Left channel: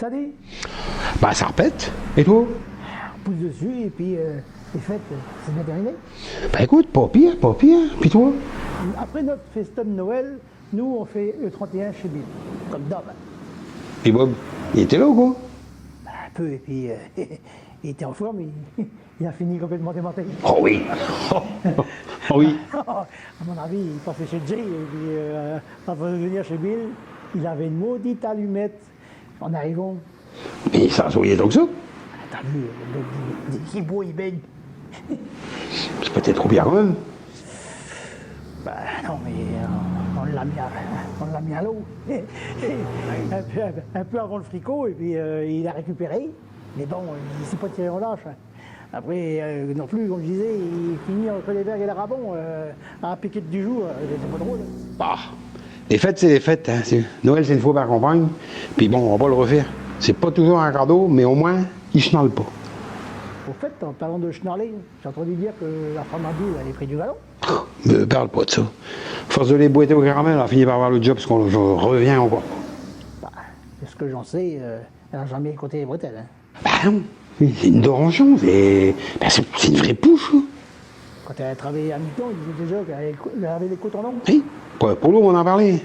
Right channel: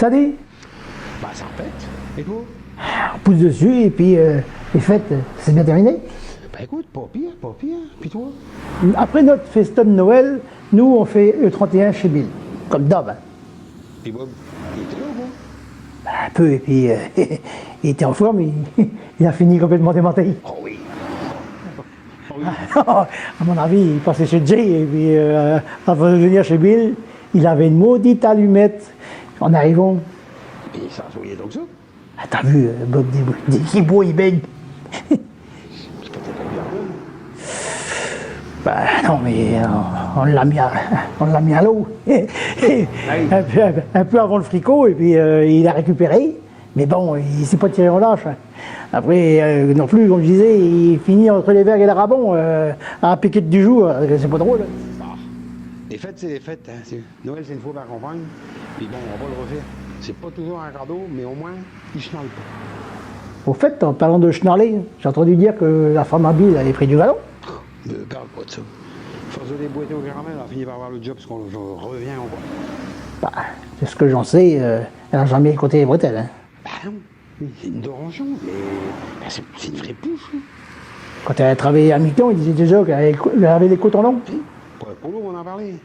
Ça dit, Bah ça répète. Et toi? on pousse dessus et puis les fêtes, c'est bien terminé. Bah écoute, pas pire, pas pire. Puis toi? Après notre festin de Noël, nous on fait le 31 chez Bill, comme d'hab. Puis Bob, il était là ou quoi? Un peu, et puis il était en forme, il a fini complètement démantelé. Oh oui. Oh oui. À mon avis, il passait chez Jay, et puis avant de venir chez Bill, il avait une maudite allumette en arrivant. Mais ça souriait donc ça? Ah, t'as vu, Bob dit qu'il boit, il baigne. C'est peut-être trop bien quand même. Bah non, mais on l'a mis à l'eau. un peu avant le fricot, et puis il a récupéré. Mais bon, il s'est pas tiré en lâche. Après, non plus, comme je disais, il finit entre les vergues et la rabon, à la piquette du jour. C'est pas drôle. Bah, les fêtes, c'est les fêtes. Hein. Noël, c'est une fois par campagne. Puis bon, on va pas le refaire. C'est pas toujours un cadeau, mais au moins, il chenale pas. Au fait, en parlant de schnarler, j'ai entendu dire que la femme à Bill avait pris du galon. Me parle pas de ça. Force de les boiter au caramel, elle a fini par avoir le job parce qu'on revient encore. Bah, c'est ce que j'en sais, elle n'a jamais compté les bretelles. Hein. Bah non, c'est une dorangeon, c'est une vraie pouche. Hein. Quand elle a travaillé à mi-temps, il disait déjà qu'elle avait les cotons longs. Oui, pour nous, on en parlait.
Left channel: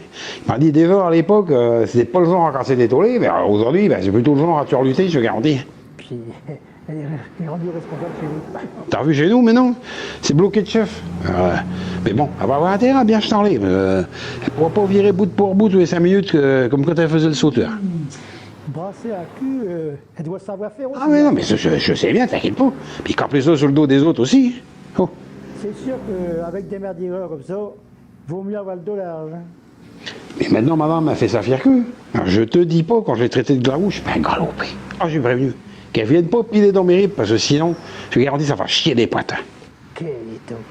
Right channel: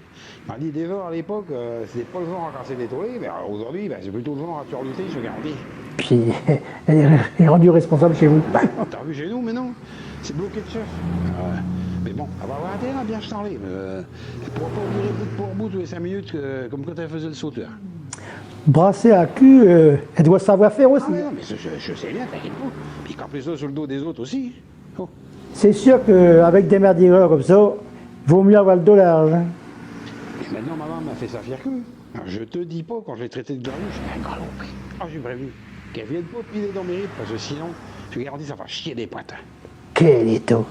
Il m'a dit déjà à l'époque, c'était pas le genre à casser des tollés, mais aujourd'hui, c'est plutôt le genre à turluter, je te garantis. Puis elle est rendue responsable chez vous. T'as vu chez nous, mais non, c'est bloqué de chef. Mais bon, elle va avoir intérêt à bien charler. Elle pourra pas virer bout pour bout tous les 5 minutes comme quand elle faisait le sauteur. Brasser à cul, elle doit savoir faire aussi. Ah mais non, mais je sais bien, t'inquiète pas. Puis campler ça sur le dos des autres aussi. Oh. C'est sûr qu'avec des merdières comme ça, vaut mieux avoir le dos large. Hein. Mais maintenant, madame m'a fait sa fière queue. Alors, je te dis pas, quand je l'ai traité de glarouche, ben galopé. Ah, j'ai prévenu. Qu'elle vienne pas piler dans mes ribes, parce que sinon, je te garantis, ça va chier des potes. Quel étau.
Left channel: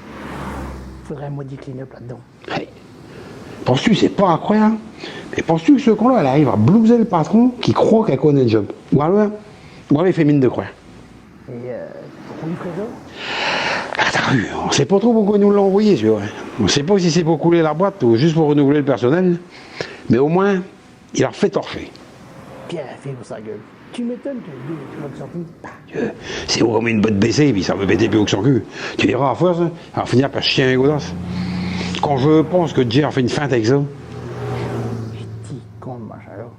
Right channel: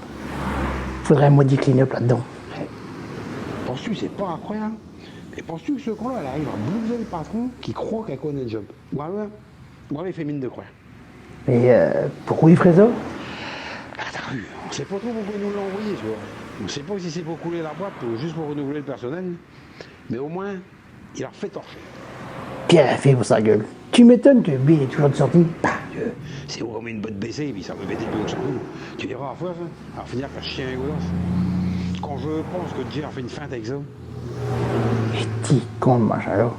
Faudrait un maudit clean-up là-dedans. Hey. Penses-tu, c'est pas incroyable? Et penses-tu que ce con-là, elle arrive à blouser le patron qui croit qu'elle connaît le job? Ou alors il fait mine de croire. Mais pourquoi il ferait ça? Ah, t'as vu, on sait pas trop pourquoi ils nous l'ont envoyé, tu vois. On sait pas si c'est pour couler la boîte ou juste pour renouveler le personnel. Mais au moins, il a refait torcher. Quelle fait pour sa gueule. Tu m'étonnes que Bill est toujours de sortie. C'est vraiment une botte baissée, puis ça veut péter plus haut que son cul. Tu verras à force, hein, elle va finir par chier un godasse. Quand je pense que Jay a fait une feinte avec ça. Petit con, machin là.